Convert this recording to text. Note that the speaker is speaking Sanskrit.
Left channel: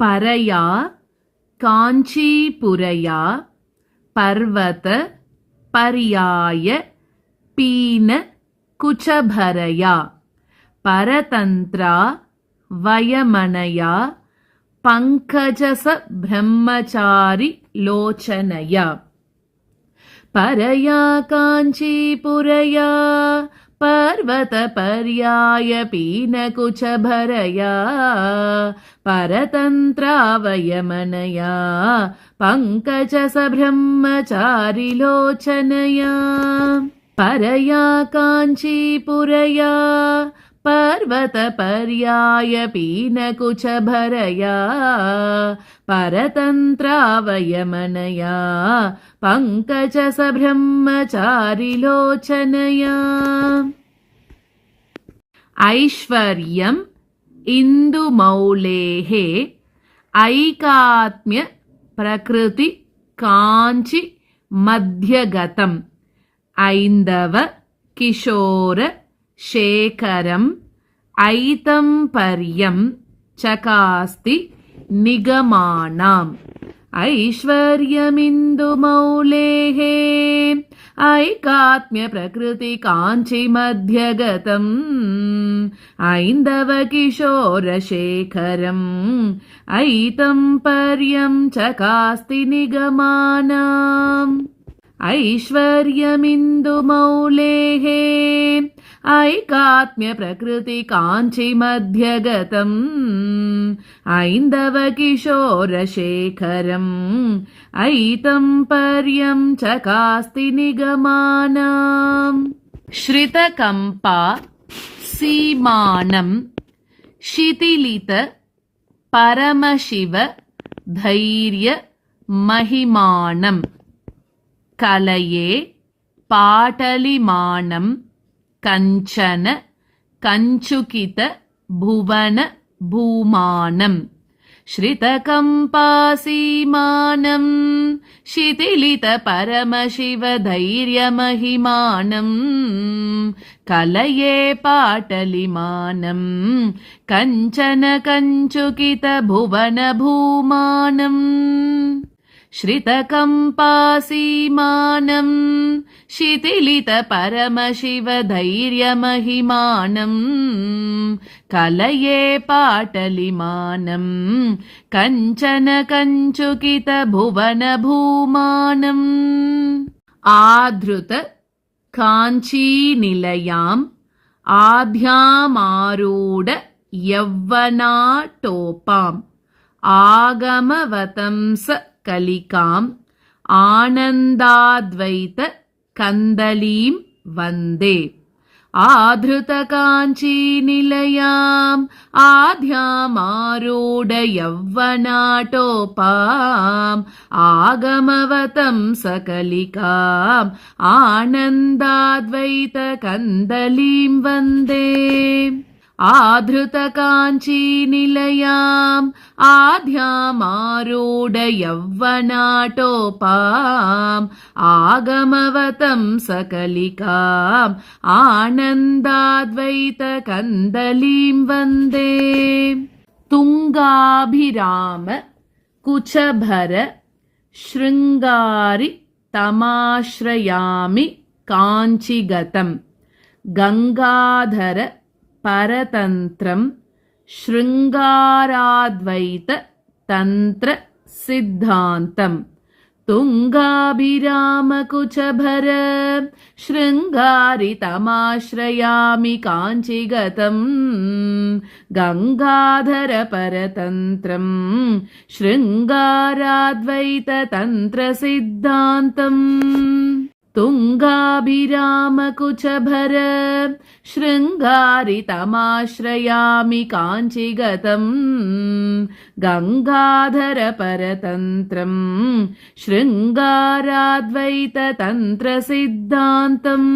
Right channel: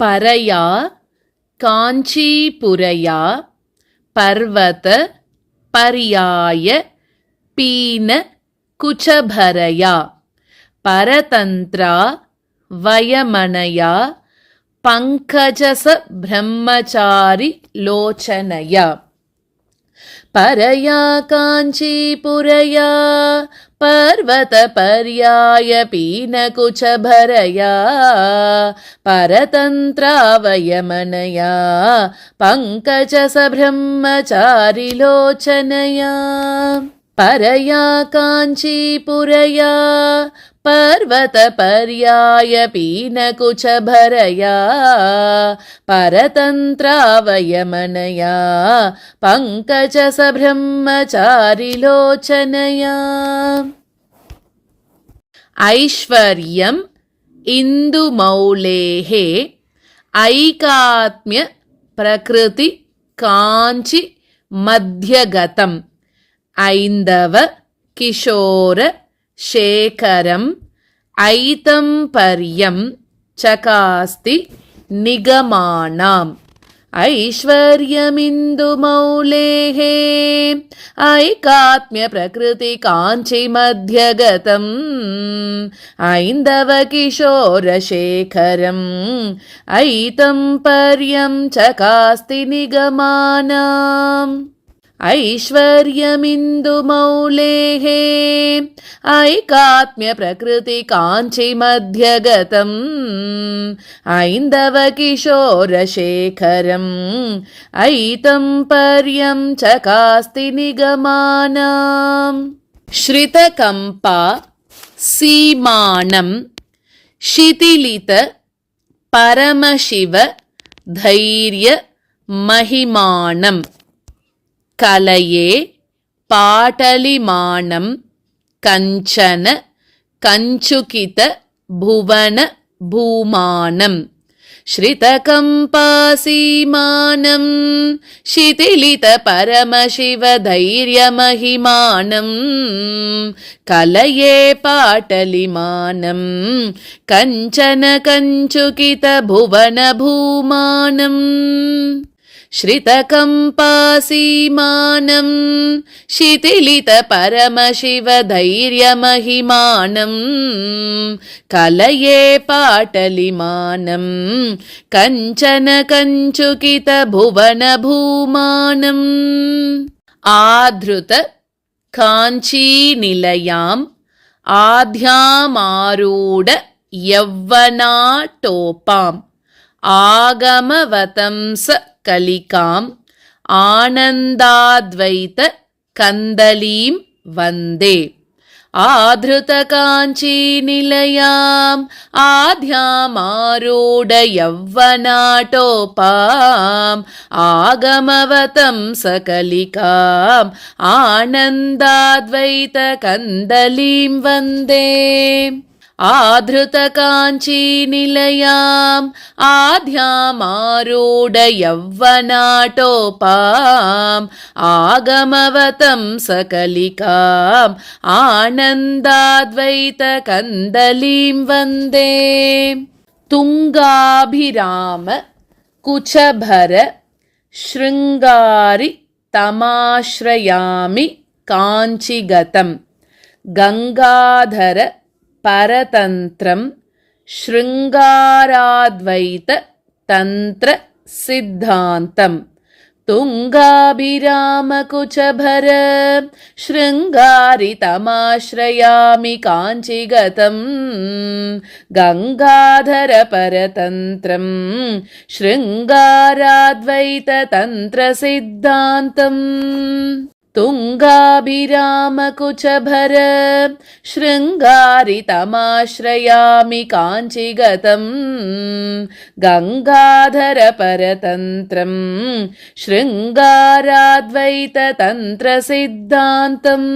परया काञ्चीपुरया पर्वत पर्याय पीन कुचभरया परतन्त्रा वयमनया पङ्कजस ब्रह्मचारि लोचनया परया काञ्चीपुरया पर्वतपर्याय पीनकुचभरया परतन्त्रा वयमनया पङ्कजसब्रह्मचारिलोचनया परया काञ्चीपुरया पर्वतपर्याय पीनकुचभरया परतन्त्रा वयमनया पङ्कजसब्रह्मचारिलोचनया ऐश्वर्यम् इन्दुमौलेः ऐकात्म्य प्रकृति काञ्चि मध्यगतम् ऐन्दव किशोर शेखरम् ऐतम्पर्यं चकास्ति निगमानाम् ऐश्वर्यमिन्दुमौलेः ऐकात्म्यप्रकृतिकाञ्चिमध्यगतम् ऐन्दवकिशोरशेखरम् ऐतम्पर्यं चकास्ति निगमानाम् ऐश्वर्यमिन्दुमौलेः ऐकात्म्यप्रकृतिकाञ्चिमध्यगतम् ऐन्दवकिशोरशेखरम् ऐतम्पर्यं चकास्ति निगमानाम् श्रितकम्पा सीमानं शिथिलित परमशिव धैर्य महिमानम् कलये पाटलिमानं कञ्चन कञ्चुकित भुवन भूमानं श्रितकम्पासीमानं शिथिलित परमशिव धैर्यमहिमानं कलये पाटलिमानं कञ्चन कञ्चुकित भुवन भूमानं श्रितकम्पासीमानं शिथिलित परमशिव धैर्यमहिमानं कलये पाटलिमानं कञ्चन कञ्चुकित भुवन भूमानम् आधृत काञ्चीनिलयाम् आध्यामारूढ यौवनाटोपाम् आगमवतंस कलिकाम् आनन्दाद्वैत कन्दलीं वन्दे आधृतकाञ्चीनिलयाम् आध्यामारूढ यौवनाटोपाम् आगमवतंस कलिकाम् आनन्दाद्वैत कन्दलीं वन्दे आधृतकाञ्चीनिलयाम् आध्यामारूढ यौवनाटोपाम् आगमवतंस कलिकाम् आनन्दाद्वैत कन्दलीं वन्दे तुङ्गाभिराम कुचभर शृङ्गारि तमाश्रयामि काञ्चिगतम् गङ्गाधर परतन्त्रं शृङ्गाराद्वैत तन्त्र सिद्धान्तम् तुङ्गाभिरामकुचभर शृङ्गारि तमाश्रयामि काञ्चिगतम् गङ्गाधर परतन्त्रं शृङ्गाराद्वैत तन्त्र सिद्धान्तम् तुङ्गाभिरामकुचभर शृङ्गारि तमाश्रयामि काञ्चिगतम् गङ्गाधर परतन्त्रं शृङ्गाराद्वैत तन्त्र सिद्धान्तम्।